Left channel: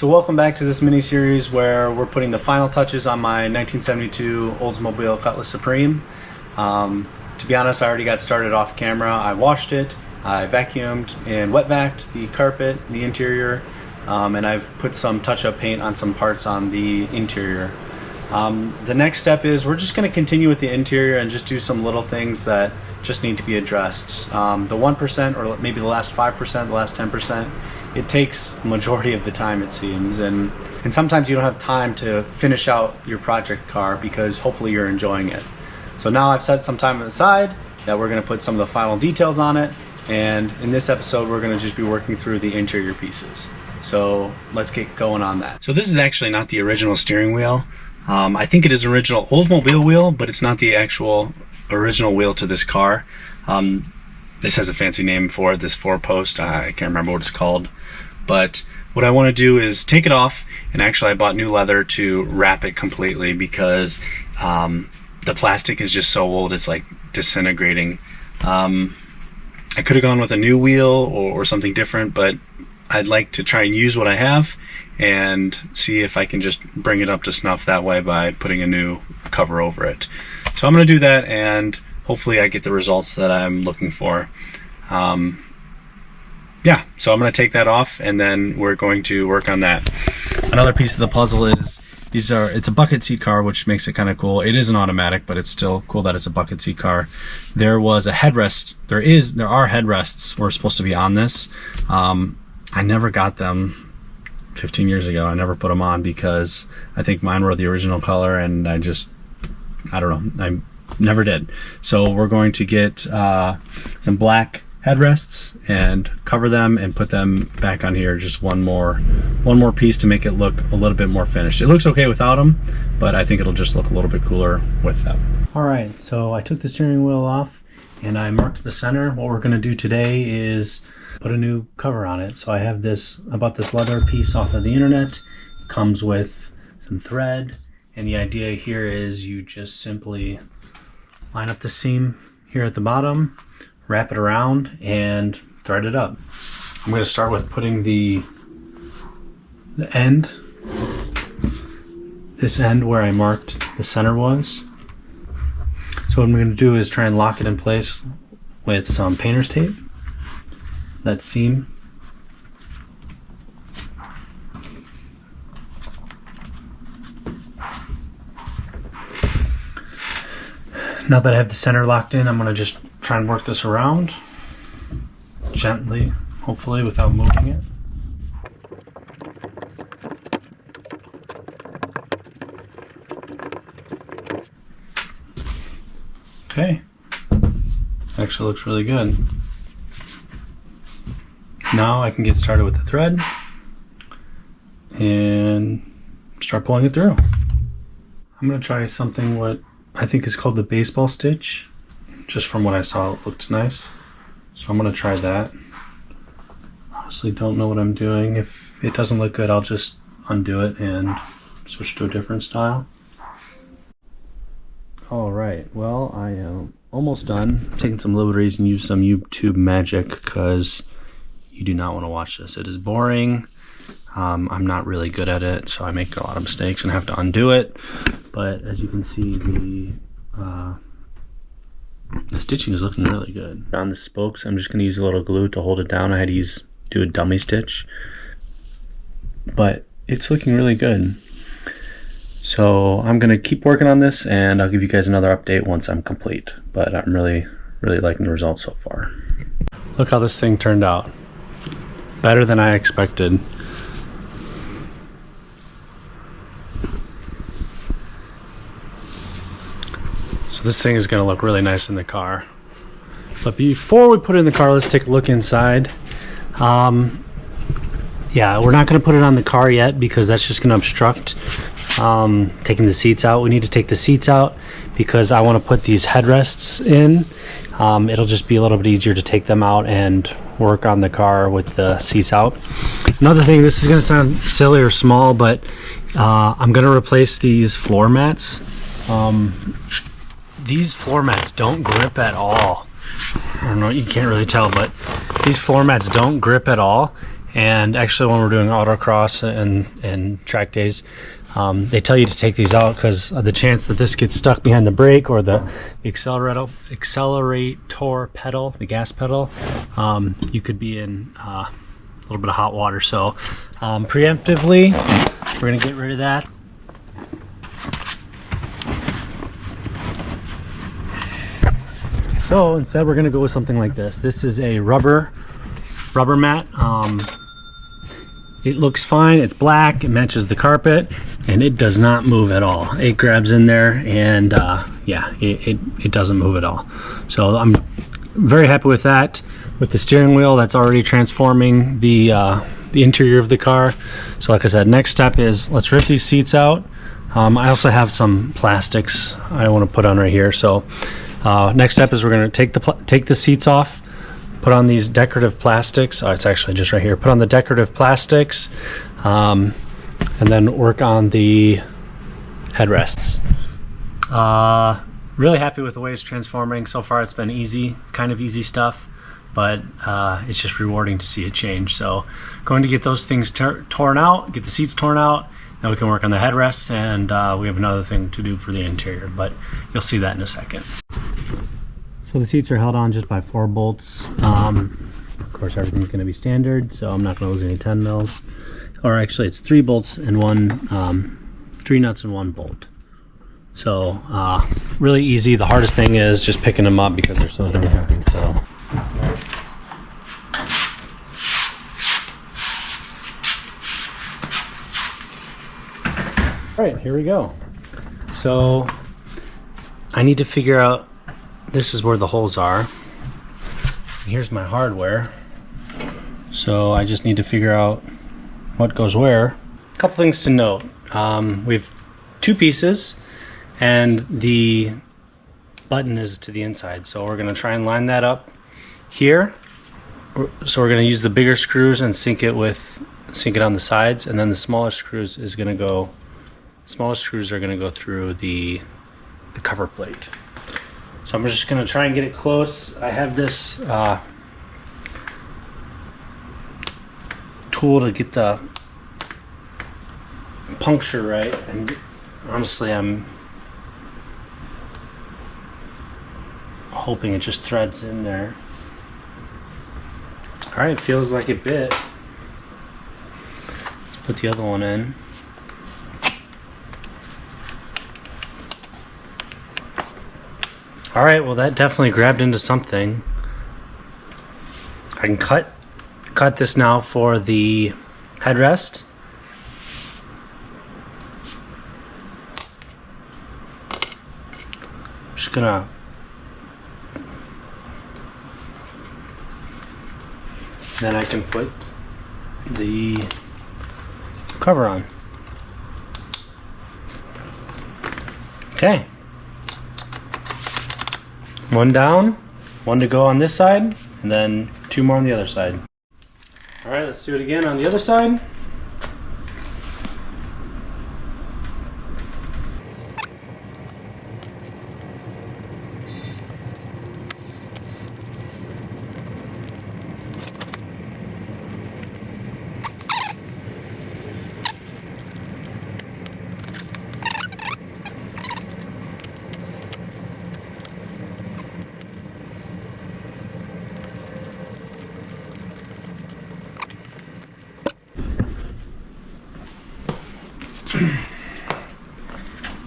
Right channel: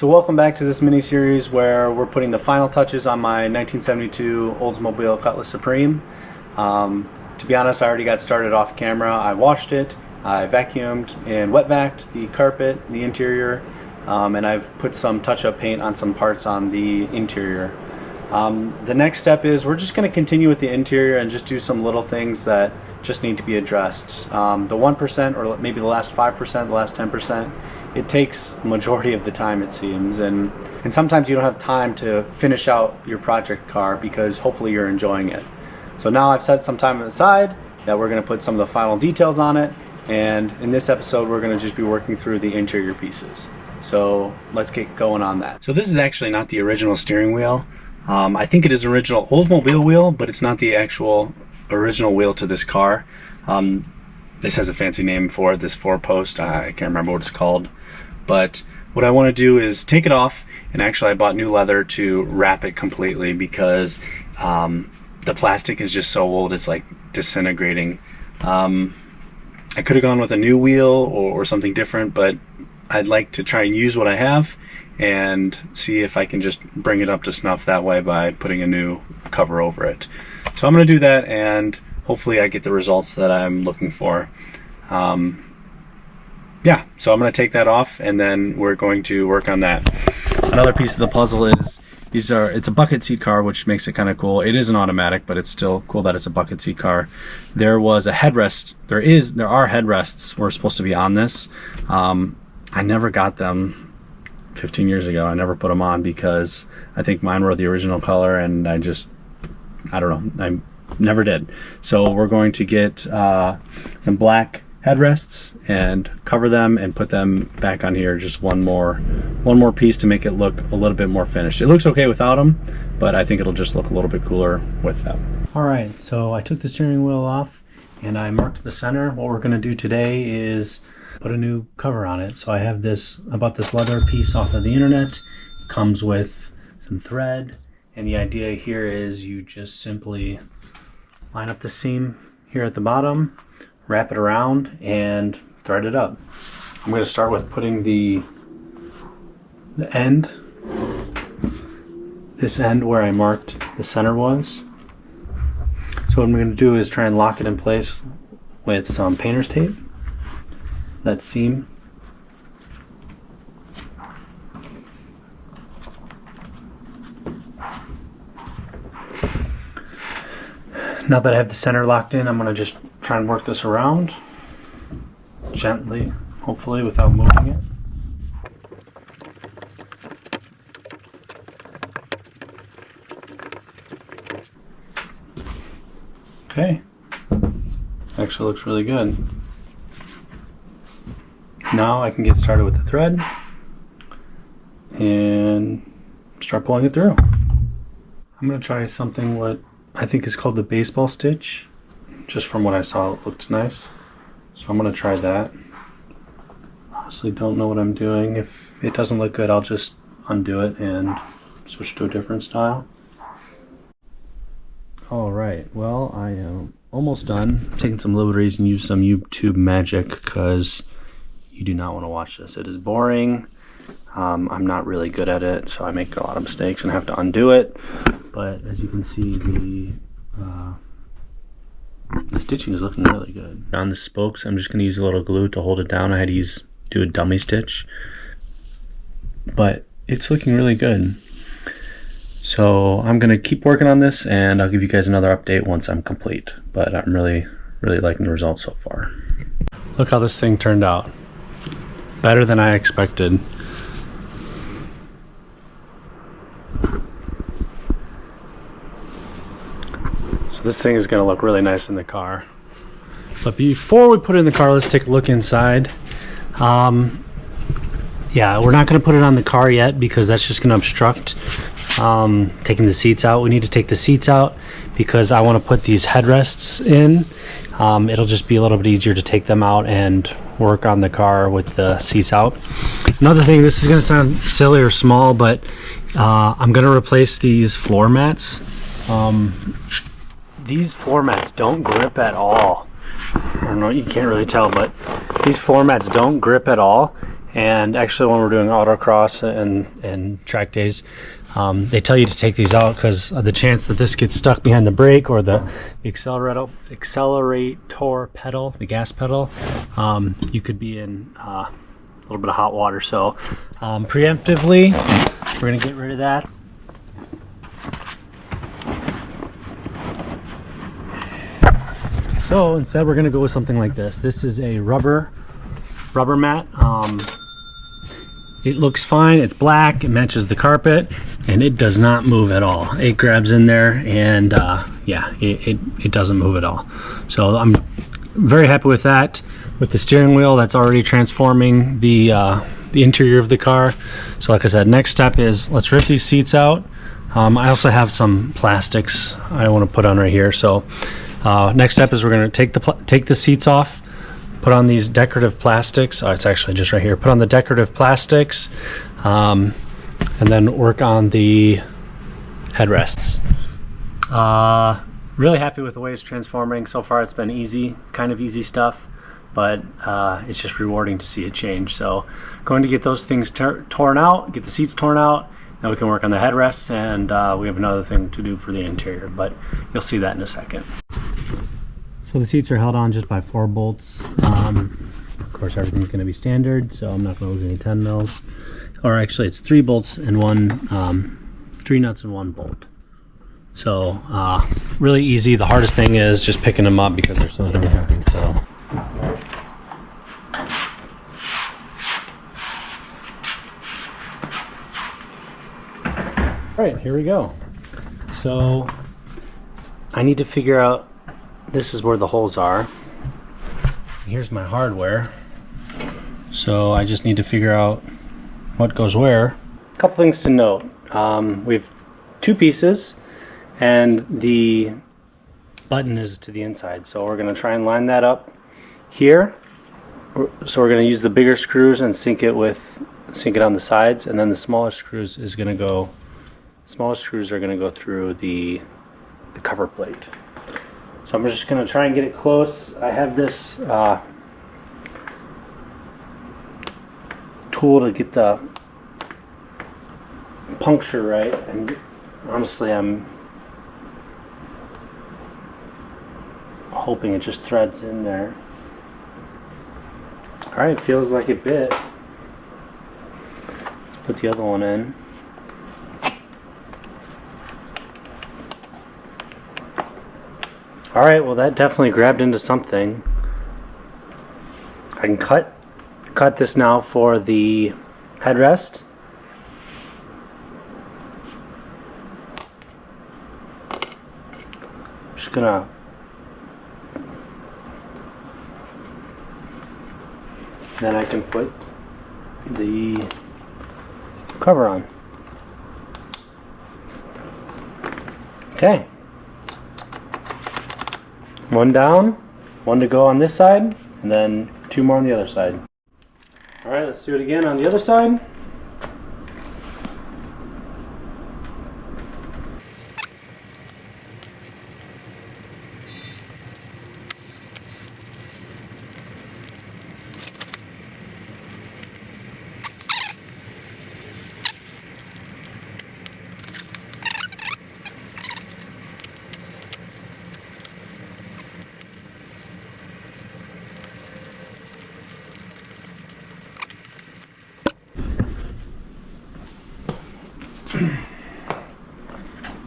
So welcome back to this mini-series where we're putting the final touches on my 1972 Oldsmobile Cutlass Supreme. To be honest, I already got started off camera. I washed it, I vacuumed and wet vacuumed the carpet, the interior, and I've put some touch-up paint on some parts on the interior. The next step is we're just going to continue with the interior and just do some little things that just need to be addressed. The 1% or maybe the last 5%, the last 10%, it takes a majority of the time, it seems, and sometimes you don't have time to finish out your project car because hopefully you're enjoying it. So now I've set some time aside that we're going to put some of the final details on it, and in this episode we're going to just be working through the interior pieces. So let's get going on that. So this is actually not the original steering wheel. I think it is original Oldsmobile wheel, but it's not the actual original wheel to this car. This has a fancy name for it, this 4-post. I can't remember what it's called. But what I want to do is take it off, and actually I bought new leather to wrap it completely because the plastic is just so old, it's like disintegrating. I could have gone with a new wheel or something different, but I'd like to try and use what I have and see if I can just bring it up to snuff that way by putting a new cover over it. So I'm going to do that, and hopefully I get the results that I'm looking for. Yeah, so I'm going to take that off, and then we're going to work on that. Another piece of the puzzle is it's a bucket seat car, which makes it kind of cool. It is an automatic, but it's still cool that it's a bucket seat car. There was a headrest. There are headrests were supposed to be on this. I never got them 15 years ago. I never put them on because I think mine were the original color, and I don't know, I never did. So we're going to get some black headrests and cover them and put them back on here. Just one more piece to make it look a little bit more finished. It looks okay without them, but I think it'll just look a little bit cooler with them. All right, so I took the steering wheel off and I marked the center. What we're going to do today is put a new cover on it. So I have I bought this leather piece off of the internet. It comes with some thread, and the idea here is you just simply line up the seam here at the bottom, wrap it around, and thread it up. I'm going to start with putting this end where I marked the center was. So what I'm going to do is try and lock it in place with some painter's tape, that seam. Now that I have the center locked in, I'm going to just try and work this around gently, hopefully without moving it. Okay, actually looks really good. Now I can get started with the thread and start pulling it through. I'm going to try something what I think is called the baseball stitch. Just from what I saw, it looked nice. So I'm going to try that. Honestly, don't know what I'm doing. If it doesn't look good, I'll just undo it and switch to a different style. Alright, well, I am almost done. I'm taking some liberties and use some YouTube magic because you do not want to watch this. It is boring. I'm not really good at it, so I make a lot of mistakes and have to undo it. But as you can see, the stitching is looking really good. On the spokes, I'm just going to use a little glue to hold it down. I had to do a dummy stitch, but it's looking really good. So I'm going to keep working on this, and I'll give you guys another update once I'm complete. But I'm really liking the results so far. Look how this thing turned out. Better than I expected. So this thing is going to look really nice in the car. But before we put it in the car, let's take a look inside. Yeah, we're not going to put it on the car yet because that's just going to obstruct taking the seats out. We need to take the seats out because I want to put these headrests in. It'll just be a little bit easier to take them out and work on the car with the seats out. Another thing, this is going to sound silly or small, but I'm going to replace these floor mats. These floor mats don't grip at all. I don't know, you can't really tell, but these floor mats don't grip at all, And actually, when we're doing autocross and track days, they tell you to take these out because of the chance that this gets stuck behind the brake or the accelerator pedal, the gas pedal. You could be in a little bit of hot water. So preemptively, we're going to get rid of that. So instead, we're going to go with something like this. This is a rubber mat. It looks fine. It's black. It matches the carpet, and it does not move at all. It grabs in there, and yeah, it doesn't move at all. So I'm very happy with that. With the steering wheel, that's already transforming the interior of the car. So like I said, next step is let's rip these seats out. I also have some plastics I want to put on right here. So next step is we're going to take the seats off. Put on these decorative plastics. Oh, it's actually just right here. Put on the decorative plastics, and then work on the headrests. Really happy with the way it's transforming. So far it's been easy, kind of easy stuff, but it's just rewarding to see it change. So going to get those things torn out, get the seats torn out, then we can work on the headrests, and we have another thing to do for the interior, but you'll see that in a second. So the seats are held on just by 4 bolts. Of course, everything's going to be standard, so I'm not going to lose any 10 mils. Or actually, it's 3 bolts and 3 nuts and 1 bolt. So really easy. The hardest thing is just picking them up because they're so damn heavy. So. All right, here we go. So I need to figure out. This is where the holes are. Here's my hardware. So I just need to figure out what goes where. A couple things to note. We have 2 pieces and the button is to the inside. So we're gonna try and line that up here. So we're gonna use the bigger screws and sink it on the sides, and then the smaller screws are gonna go through the cover plate. So I'm just going to try and get it close. I have this tool to get the puncture right, and honestly I'm hoping it just threads in there. Alright, feels like it bit. Let's put the other one in. All right, well that definitely grabbed into something. I can cut this now for the headrest. Just gonna then I can put the cover on. Okay. 1 down, 1 to go on this side, and then 2 more on the other side. All right, let's do it again on the other side.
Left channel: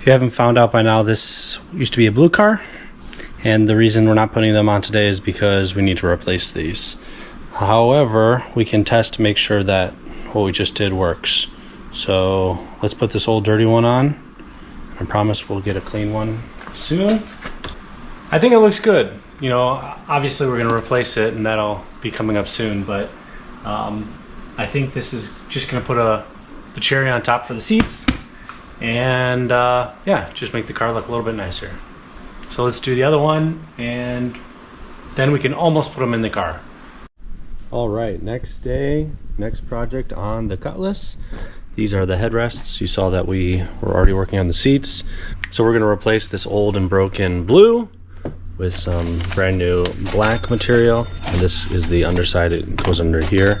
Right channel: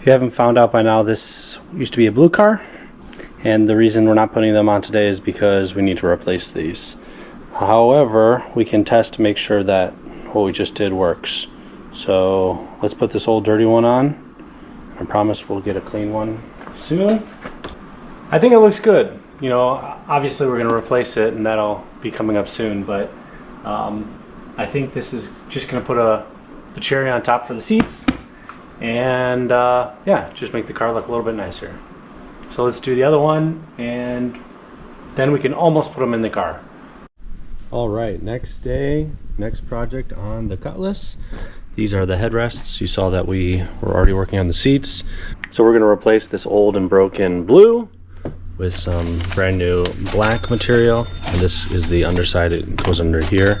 If you haven't found out by now, this used to be a blue car, and the reason we're not putting them on today is because we need to replace these. However, we can test to make sure that what we just did works. So let's put this old dirty one on. I promise we'll get a clean one soon. I think it looks good. You know, obviously we're going to replace it, and that'll be coming up soon, but I think this is just going to put the cherry on top for the seats, and yeah, just make the car look a little bit nicer. So let's do the other one, and then we can almost put them in the car. All right, next day, next project on the Cutlass. These are the headrests. You saw that we were already working on the seats. So we're going to replace this old and broken blue with some brand new black material. And this is the underside. It goes under here.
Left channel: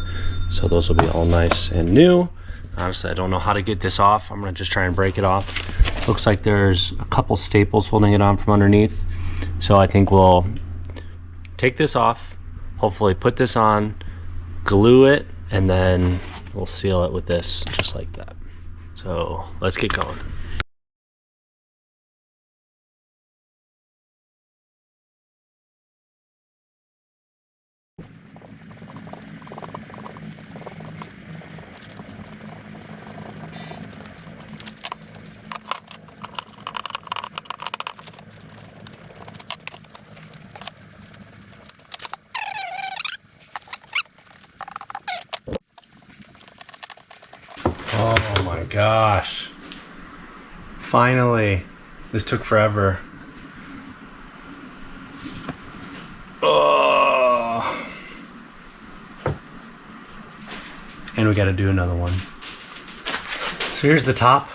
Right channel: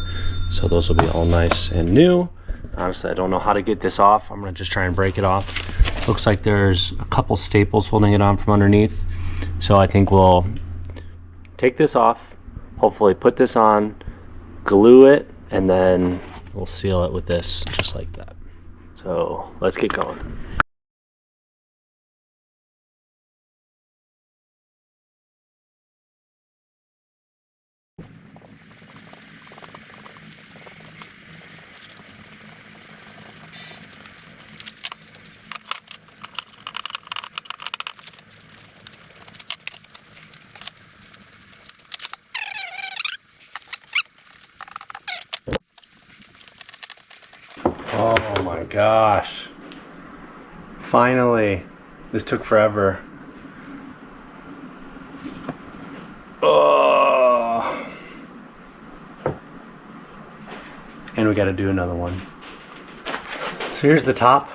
So those will be all nice and new. Honestly, I don't know how to get this off. I'm gonna just try and break it off. Looks like there's a couple staples holding it on from underneath. So I think we'll take this off, hopefully put this on, glue it, and then we'll seal it with this, just like that. So let's get going. Oh my gosh. Finally. This took forever. Oh. And we gotta do another one. So here's the top.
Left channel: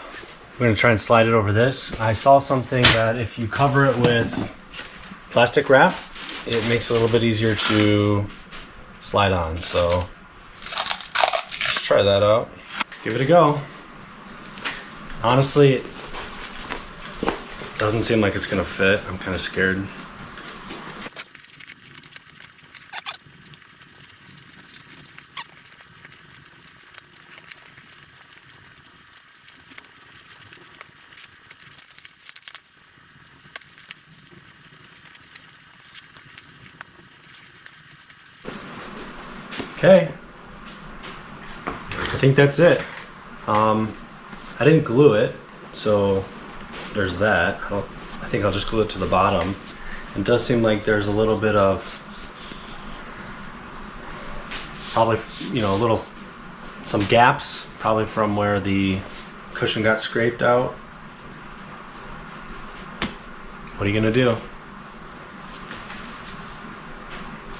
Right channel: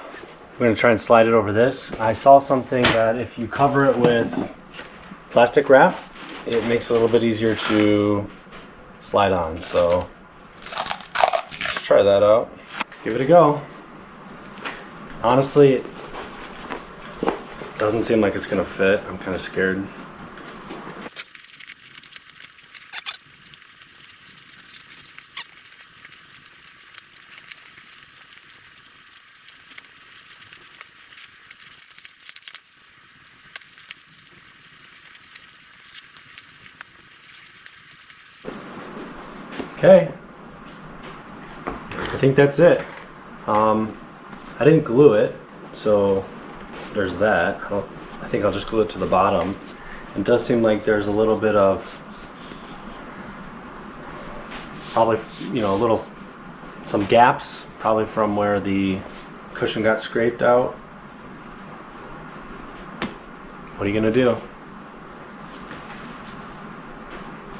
We're gonna try and slide it over this. I saw something that if you cover it with plastic wrap, it makes it a little bit easier to slide on. So let's try that out. Let's give it a go. Honestly, it doesn't seem like it's gonna fit. I'm kind of scared. Okay, I think that's it. I didn't glue it, so there's that. I think I'll just glue it to the bottom. It does seem like there's a little bit of, probably, you know, some gaps, probably from where the cushion got scraped out. What are you gonna do?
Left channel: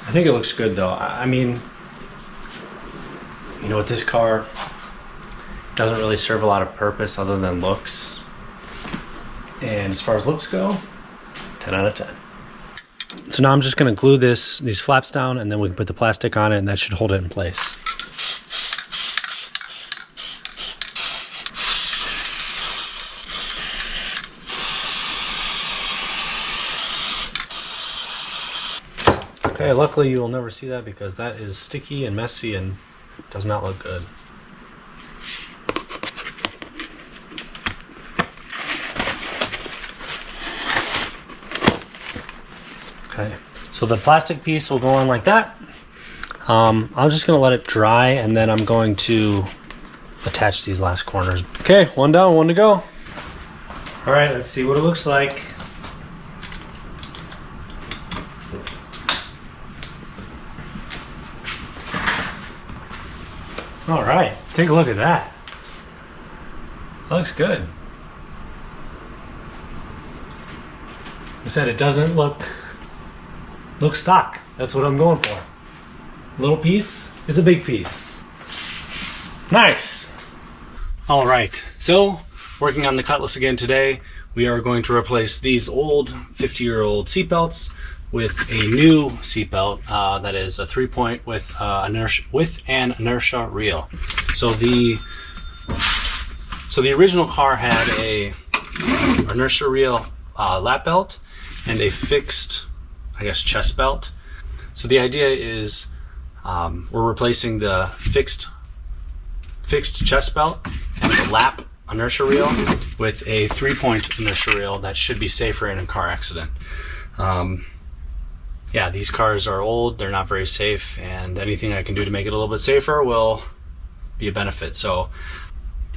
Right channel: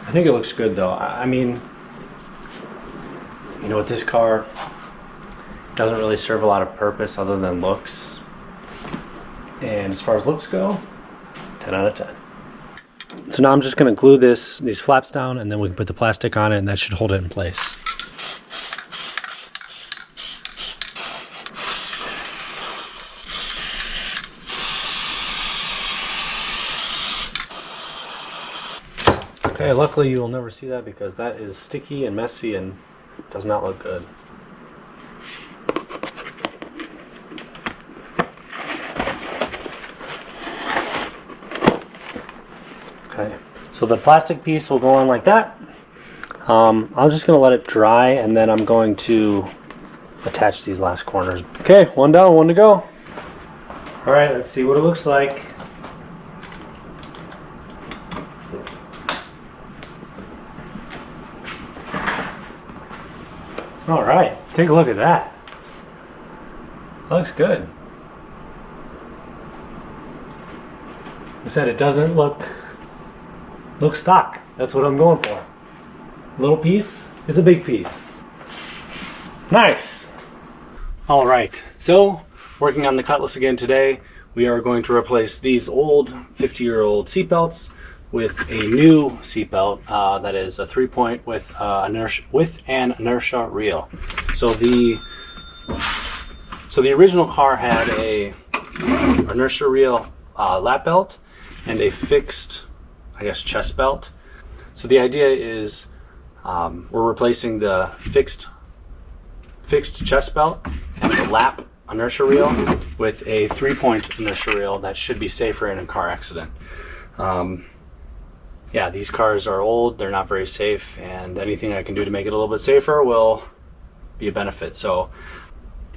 I think it looks good though. I mean, you know, with this car, doesn't really serve a lot of purpose other than looks. And as far as looks go, 10 out of 10. So now I'm just gonna glue these flaps down, and then we can put the plastic on it, and that should hold it in place. Okay, luckily you will never see that because that is sticky and messy and does not look good. Okay, so the plastic piece will go on like that. I'm just gonna let it dry, and then I'm going to attach these last corners. Okay, one down, one to go. All right, let's see what it looks like. All right, take a look at that. Looks good. Like I said, it doesn't look stock. That's what I'm going for. Little piece is a big piece. Nice. All right, so working on the Cutlass again today. We are going to replace these old 50-year-old seatbelts with a new seatbelt that is a 3-point with an inertia reel. So the original car had a inertia reel lap belt and a fixed, I guess, chest belt. So the idea is we're replacing the fixed chest belt and the lap inertia reel with a 3-point inertia reel that should be safer in a car accident. Yeah, these cars are old, they're not very safe, and anything I can do to make it a little bit safer will be a benefit. So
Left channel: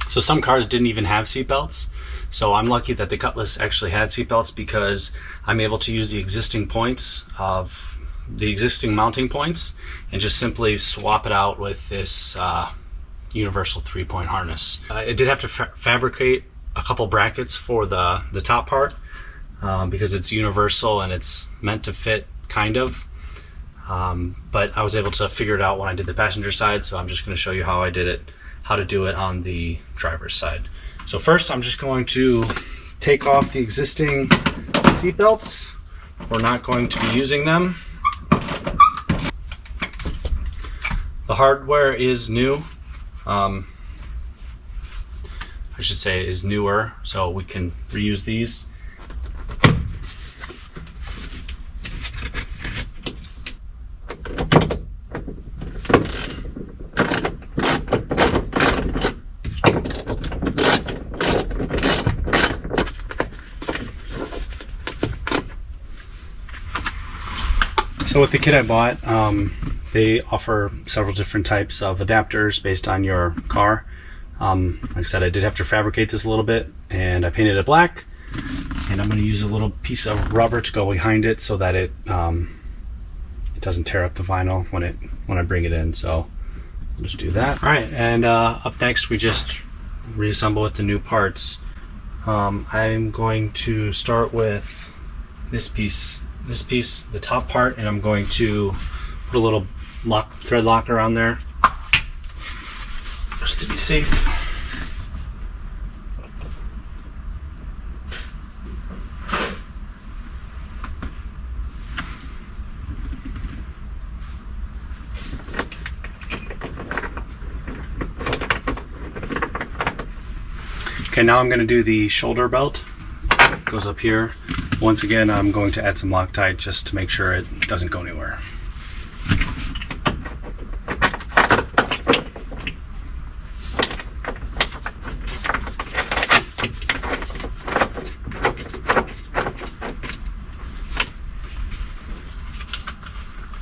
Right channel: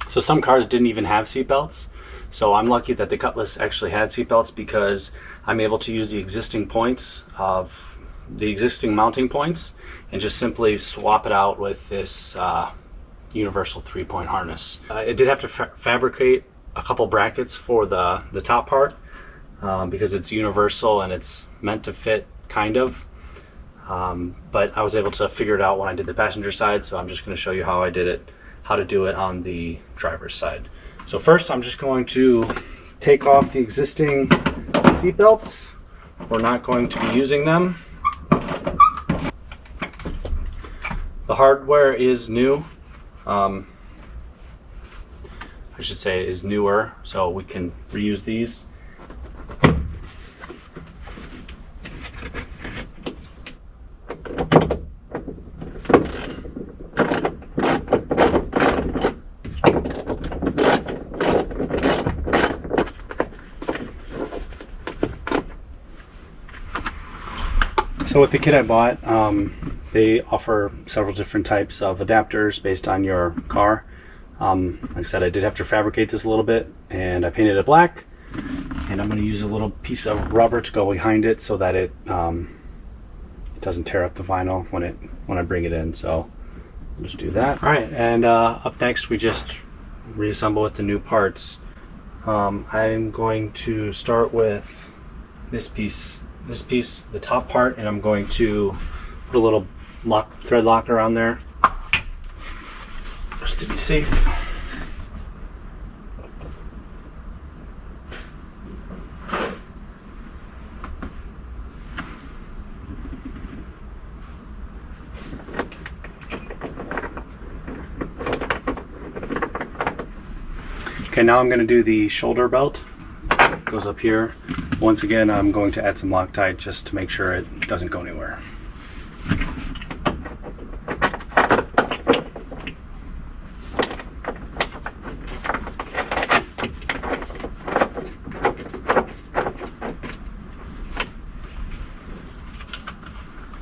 some cars didn't even have seatbelts. So I'm lucky that the Cutlass actually had seatbelts because I'm able to use the existing points of the existing mounting points and just simply swap it out with this universal 3-point harness. I did have to fabricate a couple brackets for the top part because it's universal and it's meant to fit, kind of. But I was able to figure it out when I did the passenger side, so I'm just going to show you how I did it, how to do it on the driver's side. So first I'm just going to take off the existing seat belts. We're not going to be using them. The hardware is new. I should say is newer, so we can reuse these. So with the kit I bought, they offer several different types of adapters based on your car. Like I said, I did have to fabricate this a little bit, and I painted it black. And I'm going to use a little piece of rubber to go behind it so that it doesn't tear up the vinyl when I bring it in. So I'll just do that. All right, and up next we just reassemble with the new parts. I'm going to start with this piece, the top part, and I'm going to put a little thread locker on there just to be safe. Okay, now I'm going to do the shoulder belt. It goes up here. Once again, I'm going to add some Loctite just to make sure it doesn't go anywhere.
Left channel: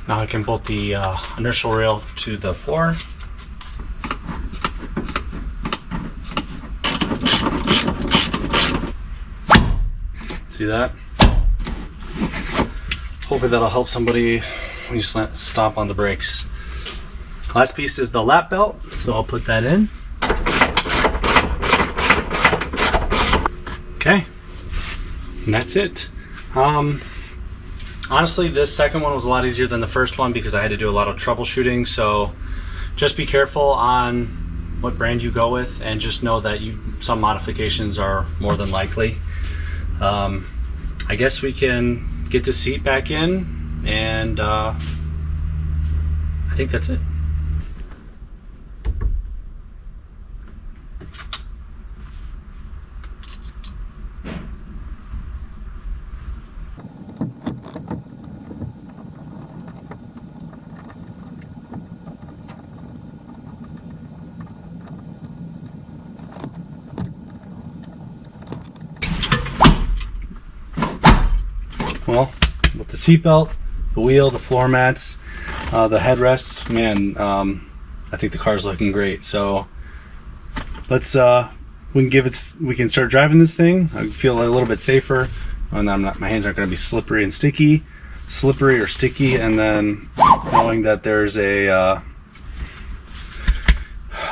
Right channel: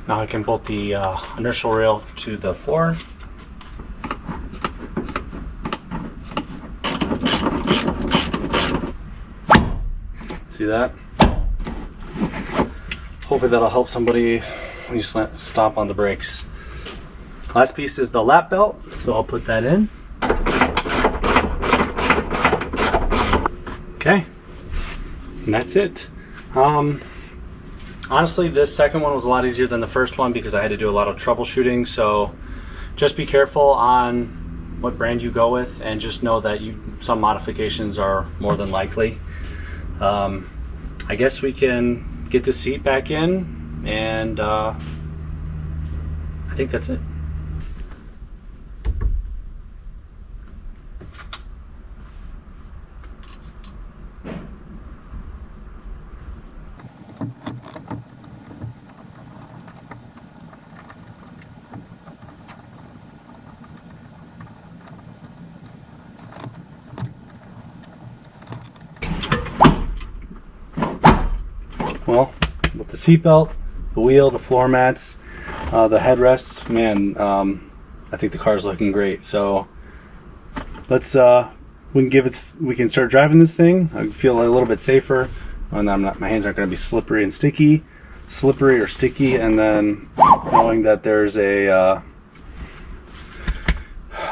Now I can bolt the inertial rail to the floor. See that? Hopefully that'll help somebody when you stomp on the brakes. Last piece is the lap belt, so I'll put that in. Okay, and that's it. Honestly, this second one was a lot easier than the first one because I had to do a lot of troubleshooting, so just be careful on what brand you go with, and just know that some modifications are more than likely. I guess we can get the seat back in, and I think that's it. Well, with the seatbelt, the wheel, the floor mats, the headrests, man, I think the car's looking great. So let's we can start driving this thing. I feel a little bit safer, and my hands aren't going to be slippery or sticky, and then knowing that there's a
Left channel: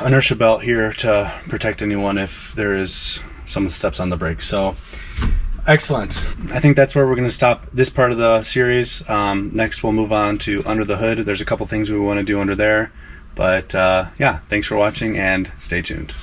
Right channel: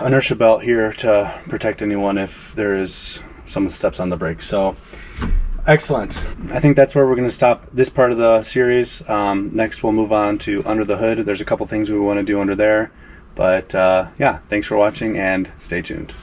inertia belt here to protect anyone if there is someone steps on the brake. So excellent. I think that's where we're going to stop this part of the series. Next we'll move on to under the hood. There's a couple things we want to do under there, but yeah, thanks for watching and stay tuned.